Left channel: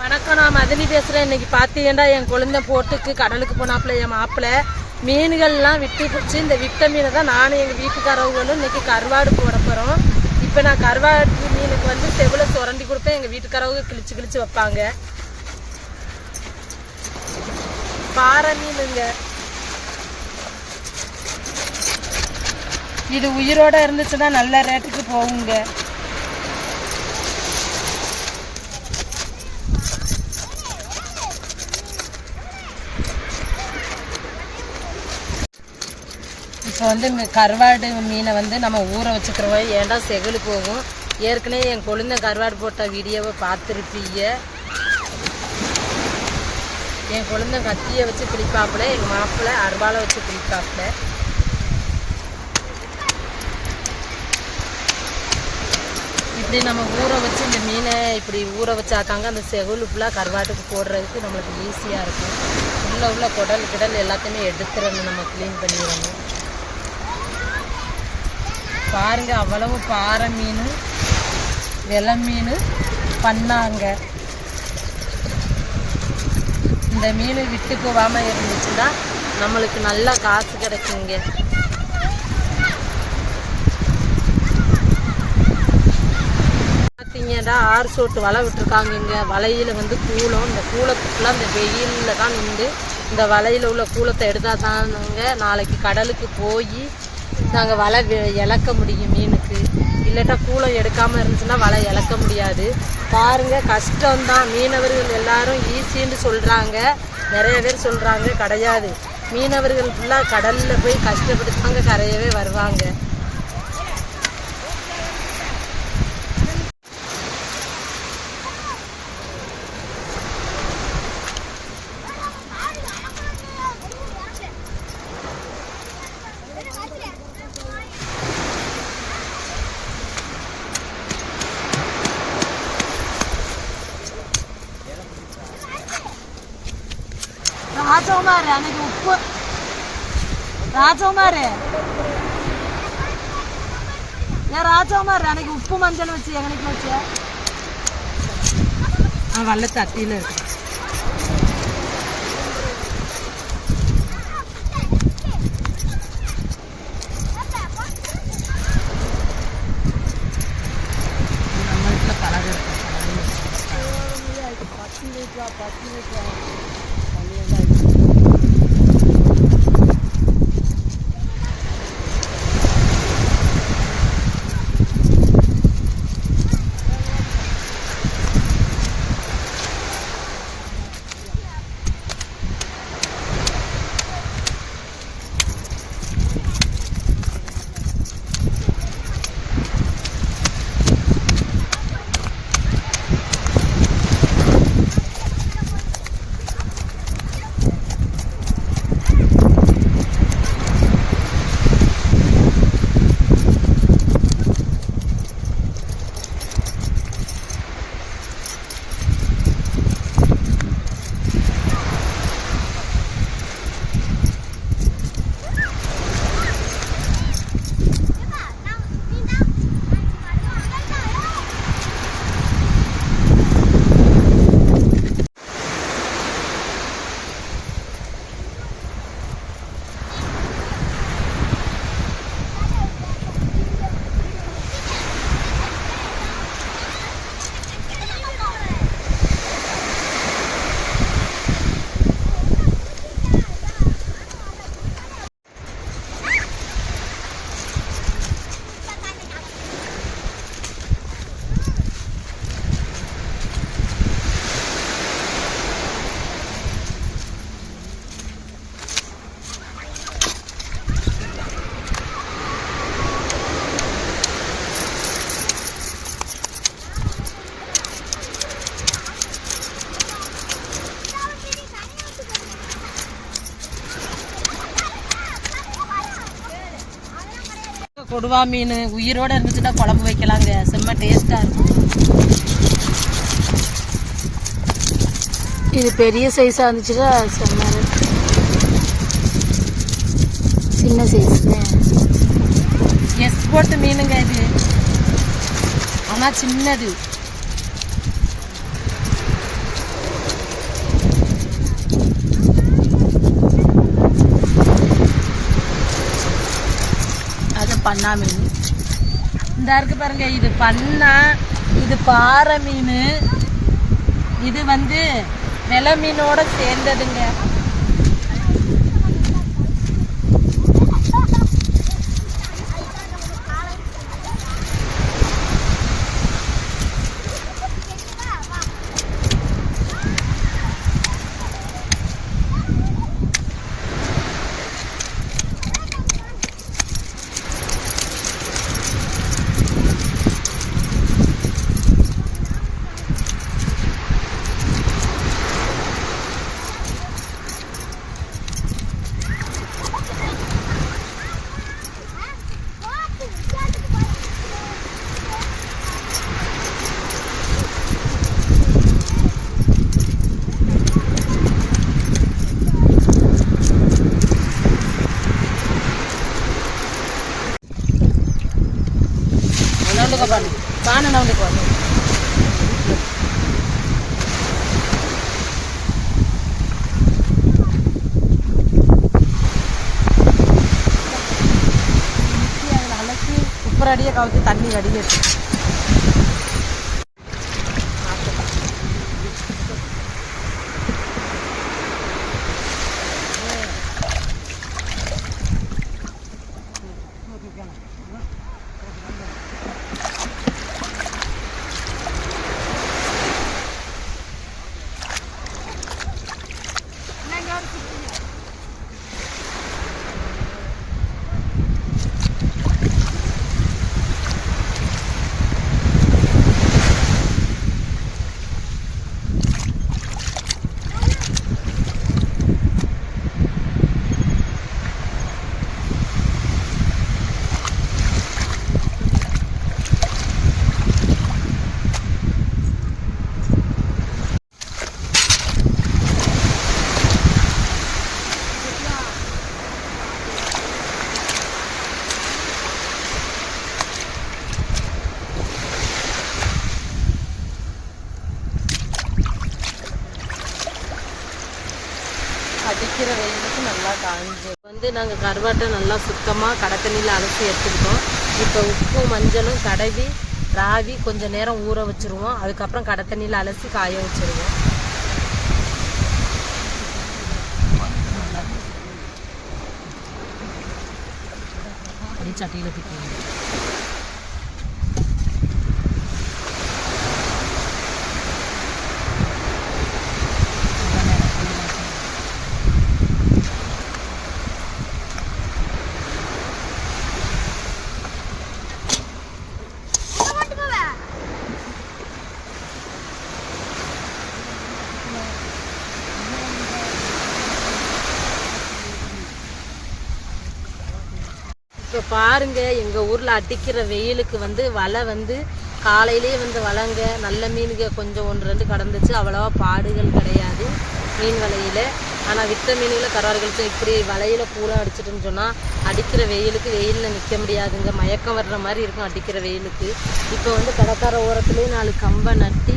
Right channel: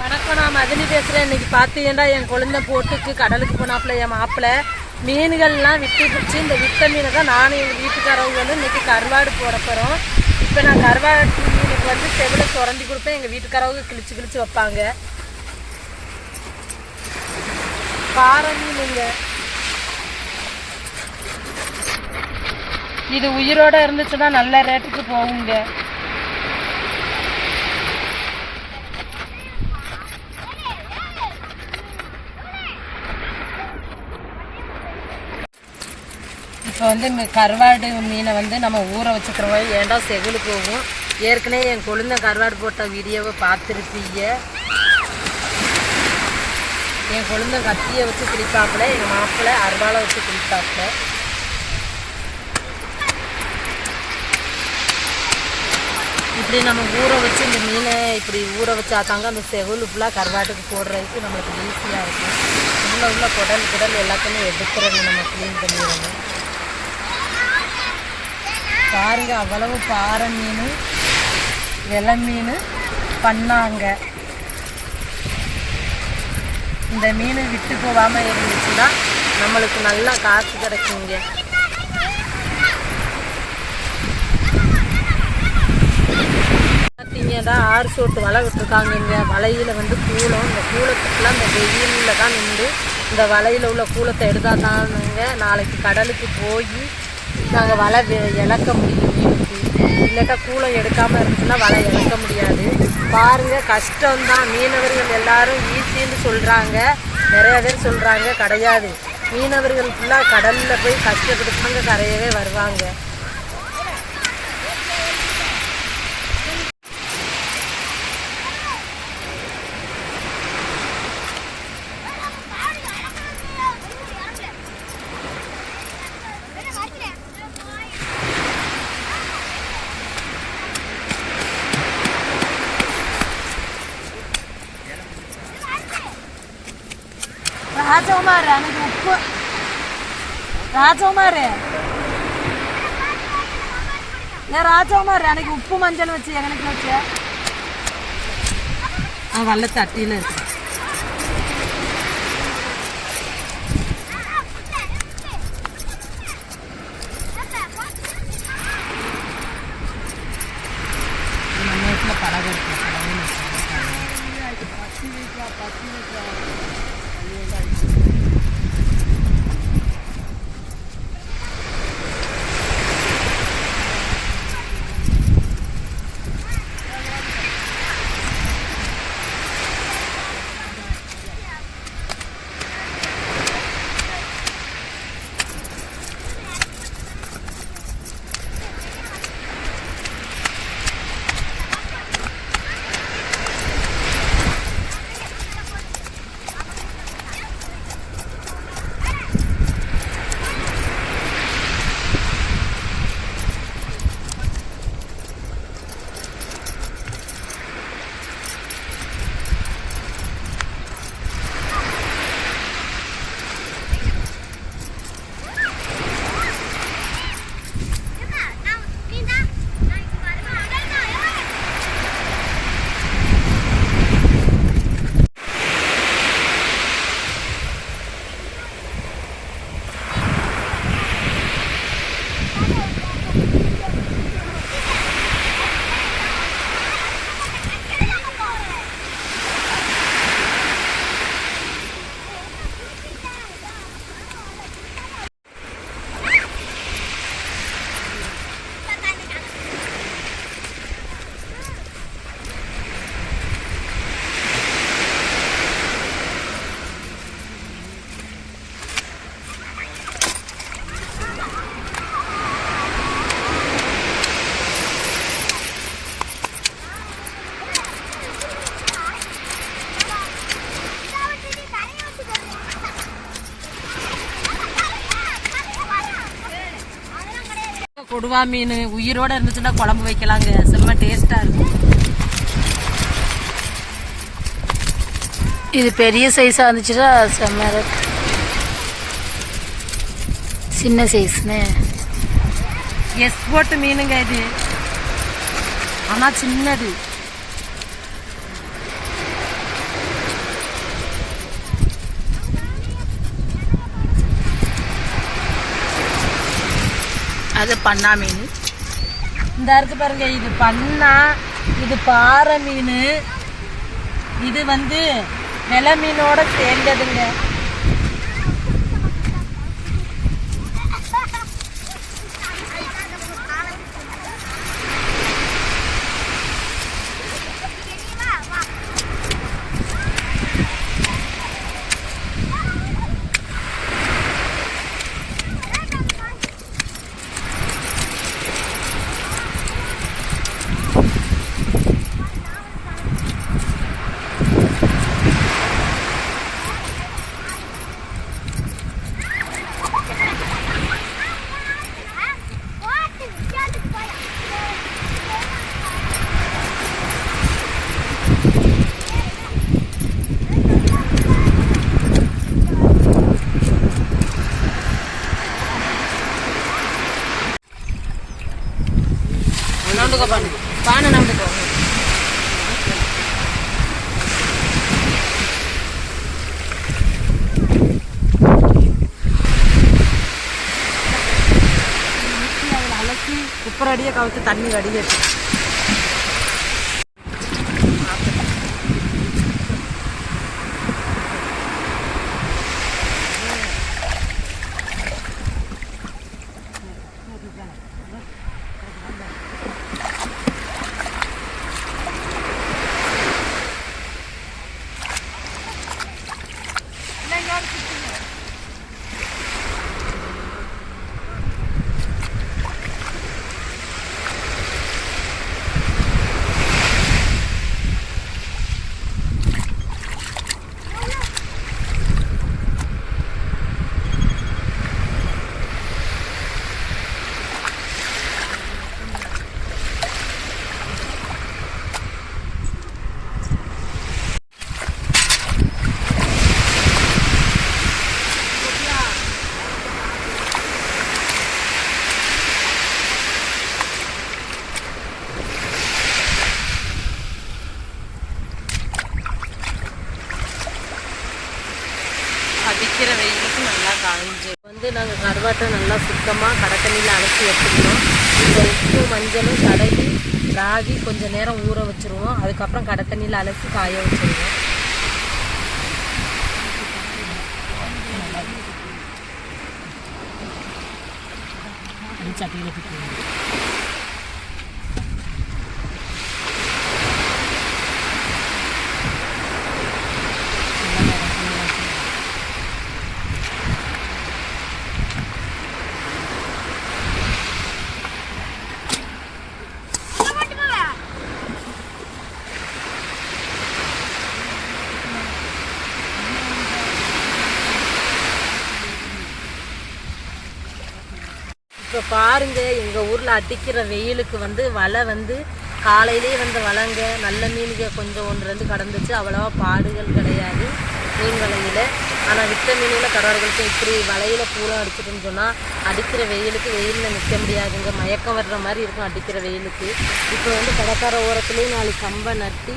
வணக்கம் நான் மதினி பேசுகிறேன் இன்னைக்கு பார்த்தீங்கன்னா என் குழந்தை போட்டுக்கு கடலுக்கு போனாப்புல என் மாப்பிள்ளை மீன்கள்லாம் விட்டு பிடிச்சி இந்த விட்ட மீனை தான் நானும் எங்கள் வீட்டுக்காரவங்களும் இன்னைக்கு கருவாடு போட போகிறோம் இப்போ நான் கருவாடு மீனுக்கு வந்து செவில சுரண்டி கொடுப்பேன். எங்கள் வீட்டுக்காரவங்க கிழிச்சு கிழிச்சு வைப்பாங்க. பாறை மீனுங்க. இது உயிரோட இருந்துச்சுன்னா நல்ல ரேட்டுக்கு போகுங்க. இப்போ வந்து மி- கருவாடு மீனை வந்து நம்ம ஊற வச்சுக்கிறோம். ஏன்டா செகுலு போகும்? ஏற்கனவே என் கொழுந்த கருவாடு போட்ட வீடியோவை பார்த்துருப்பீங்க. என் கொழுந்த கத்தியை வச்சு கிழிப்பாப்புல எங்கள் மாப்பிள்ளை அருவாளை வச்சு கிழிப்பாப்புல. இப்படி நம்ம ஊற வச்சு இந்த மீனை இப்படி ஊற வச்சா தாங்க அந்த செகுலு ஃபுல்லாக கருவாட்டுக்கு போடுறதுக்கு நம்மளுக்கு ஈஸியாக இருக்கும். உள்ள உள்ள குடல் குடல் எல்லாத்தையுமே எடுத்துறணும் நம்ம க்ளீன் பண்ணிடணும். பாருங்க அவ்வளவு பாறை மீன் வெலை மீன் பண்ணாங்க. இந்த மீன் விட்டு போகாமல் இருந்துச்சுன்னா நம்மளுக்கு நல்லா காசு கிடைக்குங்க. பார்த்தீங்கன்னா ஆறு சோட்டு வலை விட்டுருக்காங்க இங்கே வலையில் வந்து கூலம் இந்த கூலத்துக்குலாம் இந்த வெயிலில் தான் நின்று இந்த வலையில் உள்ள கூலத்தை எடுத்தால் தானுங்க நாளைக்கு கடலுக்கு போய் நாங்கள் வலை இழக்க முடியும் மீனுக்கு இல்லைக்கா கூலம் எடுக்காமல் இருந்துச்சுன்னா வலை இழக்க முடியாது. பாருங்க கஷ்டம்தான். மீனவர்கள் எல்லாரும் ஈஸின்னு சொல்கிறாங்க நிறைய பேர் சொல்கிறாங்க கிடையாது. மீனவர்கள் ஃபுல்லாக கடலில் போய் கஷ்டப்பட்டு தாங்க கரையவே வருவாங்க. ராஜகுமார் அன்னைக்கு உப்பு ராஜகுமார் ஏன் ராஜகுமார் அன்னைக்கு உப்பு மஞ்சள் வச்சு எங்கனைக்கு வச்சு ஆ வல்ல தட்டியில் இருக்கு நம்ம வீட்டில் பழகம் இருக்கு கொடுவா மீன் உயிரோட இருந்துச்சுன்னா குழம்பு வைக்கலாங்க. செம்ம டேஸ்டா இருக்கும். இது பெரிய சைஸாக இருந்துச்சுன்னா செம்ம. சின்ன சைஸ்னு எக்ஸ்போர்ட் மீனுங்க இது. ஆனால் சின்னது. அது பண்ணா மீன். இந்த இருக்கு பாருங்க இது பண்ணா இது பாறை மீன். இது வந்து வெலை மீனோட சேர்ந்ததுங்க. நவுண்டுக்கோ பாருங்க. பானை நவுண்டுக்கோ அலசி அடியே கவுத்து தண்ணி வடிகட்டு அடிக்கிற வெயிலுக்கு நல்லா காஞ்சு வந்து நாங்கள் கருவாட்டை சுத்தமாக கடை அலசி வச்சுருந்தோம் இப்போ உப்பு மஞ்சளும் தடவி ராவி கொஞ்சம் நேரம் ஊற வச்சுருவோம். அதுக்கப்புறம் கடத்தண்ணியில் அலசி காய வச்சுருவோம். சட்டியில் பிடிக்கும் இப்போ பாருங்க எங்கள் ஊரில் அடிக்கிற வெயிலுக்கு வந்து வலை வந்து காலையிலேயே வந்து வளங்க நல்ல மீனுங்க கொஞ்சம் ஒன்று வந்து கடந்துச்சு. அவ்வளோவா பாடுகள் கிடையாது மீன் வலையில். ஆனால் விட்ட மீனில் கடவுர்களுக்கு இப்படி வலையில் பூலாம் அடிச்சிட்டுன்னு சொன்னால் அடிக்கிற வெயிலுக்கு வெயிலில் நிற்க முடியாதுங்க. மயக்கம் வர்ற மாதிரி இருக்கும் அடிக்கிற வெயிலுக்கு. இப்போ வந்து கடற்கரை ஓரத்துலேயே நாலு கம்பை நட்டி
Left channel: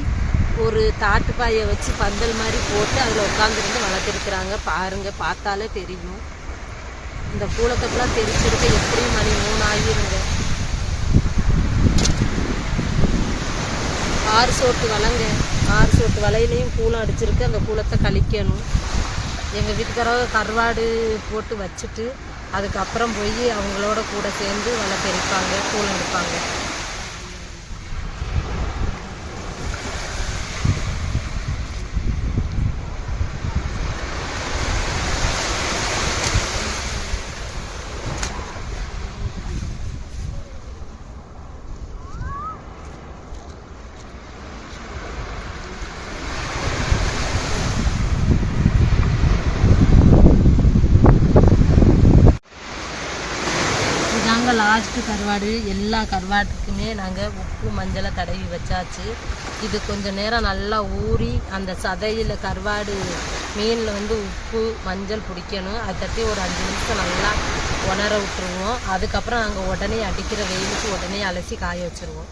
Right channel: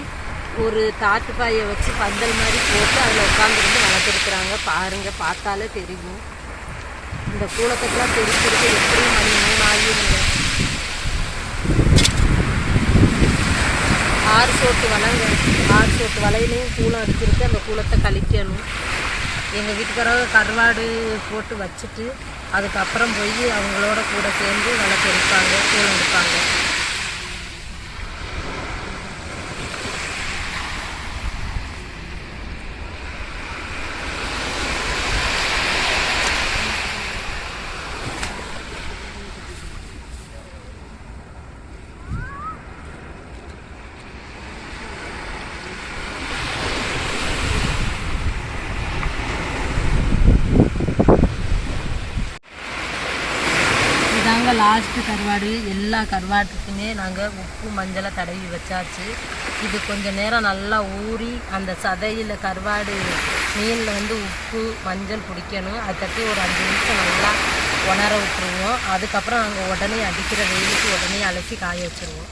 ஒரு தாட்டுப்பாயை வச்சு பந்தல் மாதிரி போட்டு அதில் உட்காந்துருந்து வளர்த்துருக்குறாங்க. பாருங்க பார்த்தாலே தெரியும். இந்த கூலத்துக்கெல்லாம் தெரிஞ்சிருக்கு எப்படி மணி மூணு ஆகிருங்க ஆறு சோட்டு வலைங்க. ஆறு சோட்டு வலையிலையும் கூலம் அடிச்சிருக்கு. அந்த கூலத்தை கழிக்கணும். எங்கள் வீட்டுக்காரங்க கருவாடு போட்டு வச்சுட்டு அதுக்கப்புறம் போய் அவங்களோட கூட சேர்ந்து வலை தெரிப்பாங்க கூலம் எடுப்பாங்க இதாங்க லாஸ்ட்டு கருவாடு எல்லா கருவாட்டுக்குமே நாங்கள் உப்பு மஞ்சளை தடவி வச்சாச்சு. இது கொஞ்சம் நேரம் நல்லா ஊறி அந்த சதையில் கருவாடு மீனில் வந்து உப்பு மஞ்சள் பிடிக்கணும். அதுக்கப்புறம் ஒரு அஞ்சு நிமிஷம் நல்லா உணர விட்டுருவோம். அதுக்கப்புறம் நாங்கள் உடனே அடிக்கிற வெயிலுக்கு உடனே அலசி காய வச்சுருவோம்.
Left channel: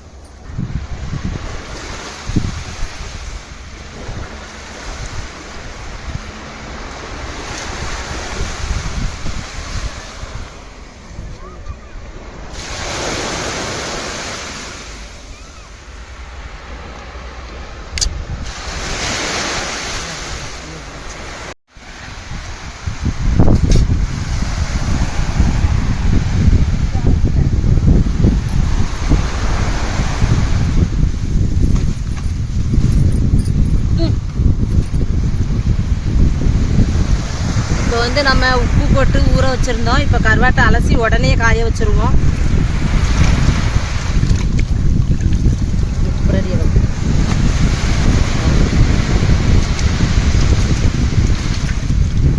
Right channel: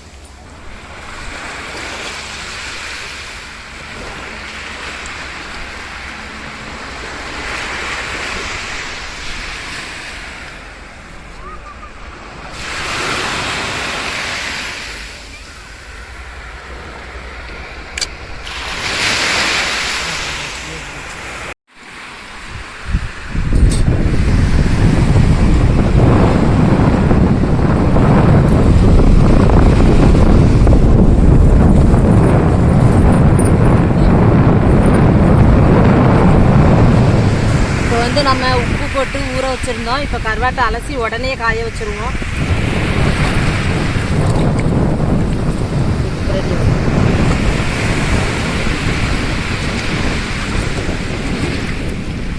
வந்து நம்ம உப்பு போட்டு ஊற வச்சுருந்தோம். இப்போ கருவாட்டை அலசி உடனே காய வச்சுருவோம்.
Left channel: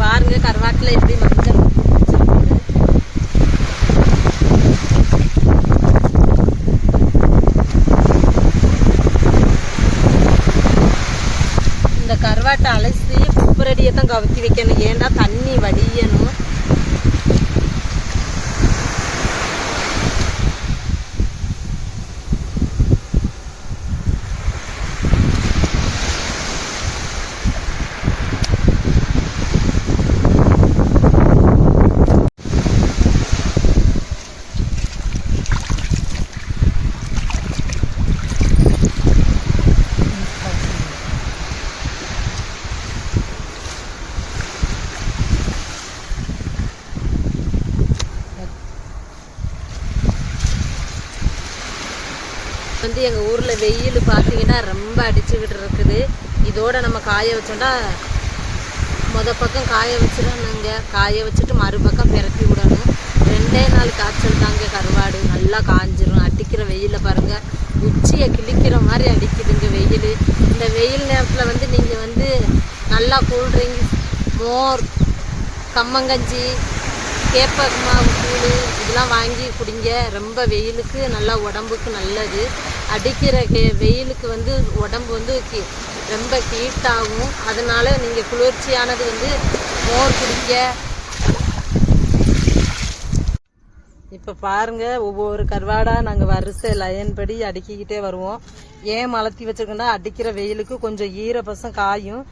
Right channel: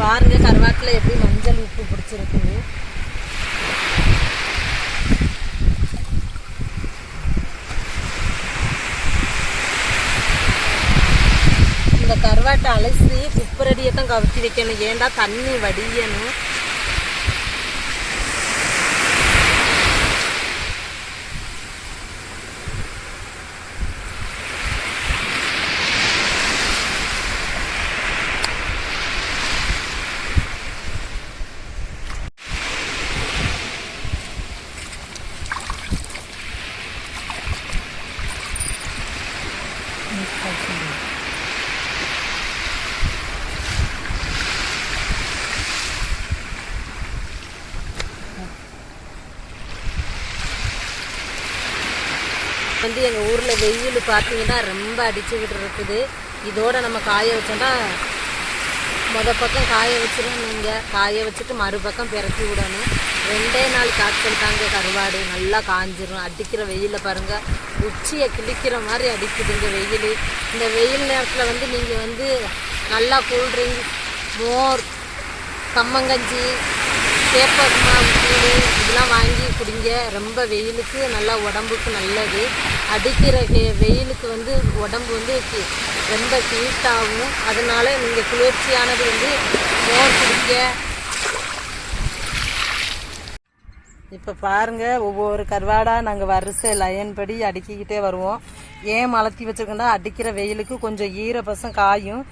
பாருங்க கருவாட்டில் எப்படி மஞ்சள் உப்பு இந்த கருவாட்டை அலசி குப்பரடியை தான் கவுத்தி வைக்கணும் ஏன்டா தண்ணி வடியணும் வந்து எங்கள் ஊரில் வெயில் பார்த்தீங்கன்னா ரொம்ப அடிச்சுக்கிட்டு இருக்குது இதோடு நம்ம காய வச்சோம்னா மொதல் பக்கம் காய வச்சிடணுங்க காய வச்சுட்டு மறுபக்கம் பிறக்கி விடணும். ரெண்டே நாள் காய்ச்சல் தாங்க கருவாடு. நல்லா காஞ்சிரும். அடிக்கிற வெயிலில் பாருங்கள் உச்சியை கிழிக்கிற மாதிரி அடிக்குதுங்க வெயில். இந்த வெயில் நேரத்தில் வந்து நீங்கள் வந்து நல்லா கூல்ட்ரிங்க்ஸ் மோர் கம்மங்கஞ்சி கேப்ப மாவு கூழ் இதெல்லாம் வாங்கி குடிங்க. ரொம்ப வெயிலுக்கு நல்லா உடம்புக்கு நல்லது. அடிக்கிற வெயிலுக்கு வந்து உடம்பு வந்து ரொம்ப ஹீட் ஆகும் அதனால நீங்கள் குளிர்ச்சியானது வந்து மோர் குடிங்க. இப்போ பாருங்கள் ஒவ்வொரு கருவாடாக நாங்கள் வரிசை லயன் படி அடுக்கிக்கிட்டே வருவோம். ஏன் மலர்த்தி வச்சிருக்கோம்னா அடிக்கிற வெயிலுக்கு கொஞ்சம் ஈரப்பசம் காயும்.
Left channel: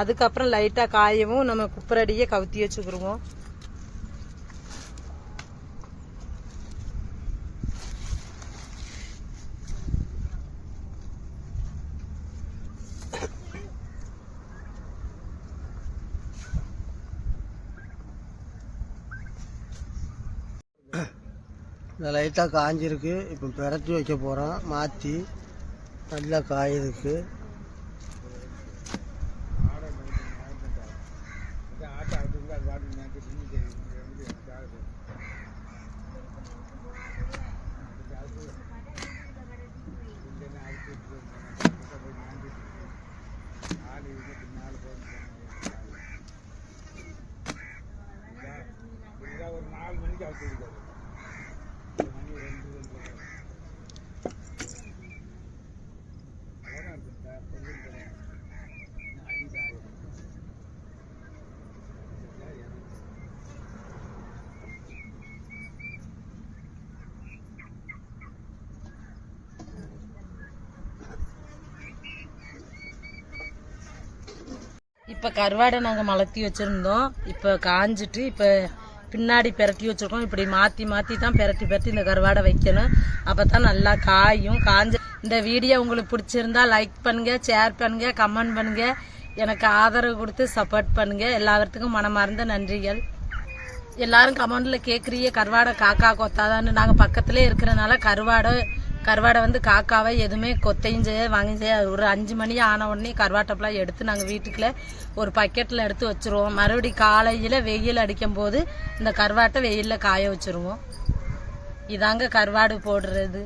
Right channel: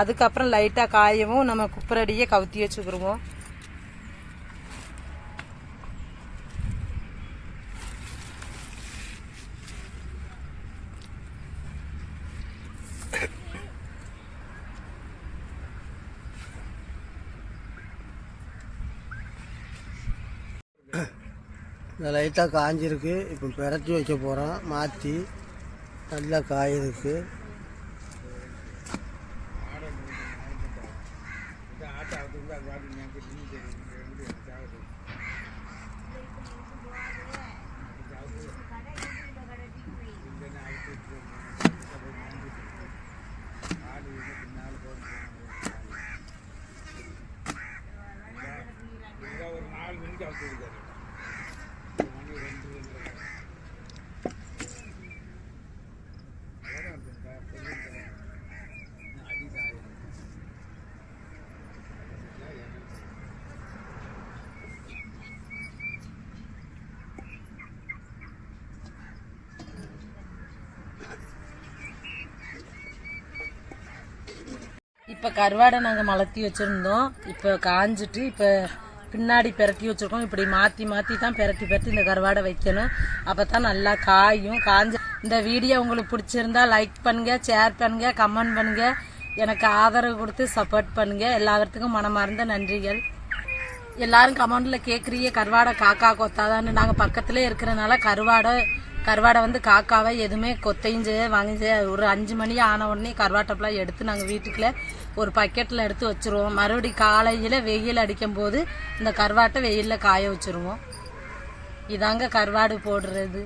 அதுக்கப்புறம் லைட்டாக காயவும் நம்ம குப்பரடியே கவுத்தி வச்சுக்கிடுவோம் இது லைட்டாக காஞ்சிருக்கு. இப்போ பிரட்டி வைக்க போகிறோம் மாற்றி நல்லா காயிருக்கு. ஒரு நாலு மணிக்கு அவுத்து இருக்காரு இப்போ கருவாடை நாங்கள் மலர்த்தி வச்சுருந்தோம். இப்போ காஞ்சிட்டு இப்போ பின்னாடி பிரட்டி வச்சுருக்கோம். இப்படி மாற்றி மாற்றி தான் பெரட்டி பெரட்டி இந்த கருவாடை வைக்கணும். அப்போ தான் நல்லா காயும் காஞ்ச. இந்த வீடியோ உங்களுக்கு பிடிச்சிருந்தா லைக் பண்ணுங்கள் ஷேர் பண்ணுங்கள் கமெண்ட் பண்ணுங்கள் எனக்கு ஆதரவு கொடுத்து சப்போர்ட் பண்ணுங்கள் எல்லாத்துக்கும் மனமார்ந்த நன்றிகள். எல்லாரும் கமெண்டில் கேட்குறீங்க கருவாடை காக்கா கொத்தாதான்னு. நாங்கள் பக்கத்துலேயே இருக்கிறனால கருவாடை கருவாடை வந்து காக்காவை எதுவுமே கொத்தையும் செய்ய வாங்கி செய்ய ஒரு அஞ்சு மணி ஆன உடனே கருவாட்டப்பெல்லாம் எடுத்து நாங்கள் வீட்டுக்குள்ளே ஒரு பக்கெட்டில் எடுத்து வச்சுருவோம். மறுபடி காலையில் வெயில் அடிக்கும் போது இந்த கருவாட்டை வெயிலில் காய வச்சுருவோம். இதாங்க கருவாடு போடுறது.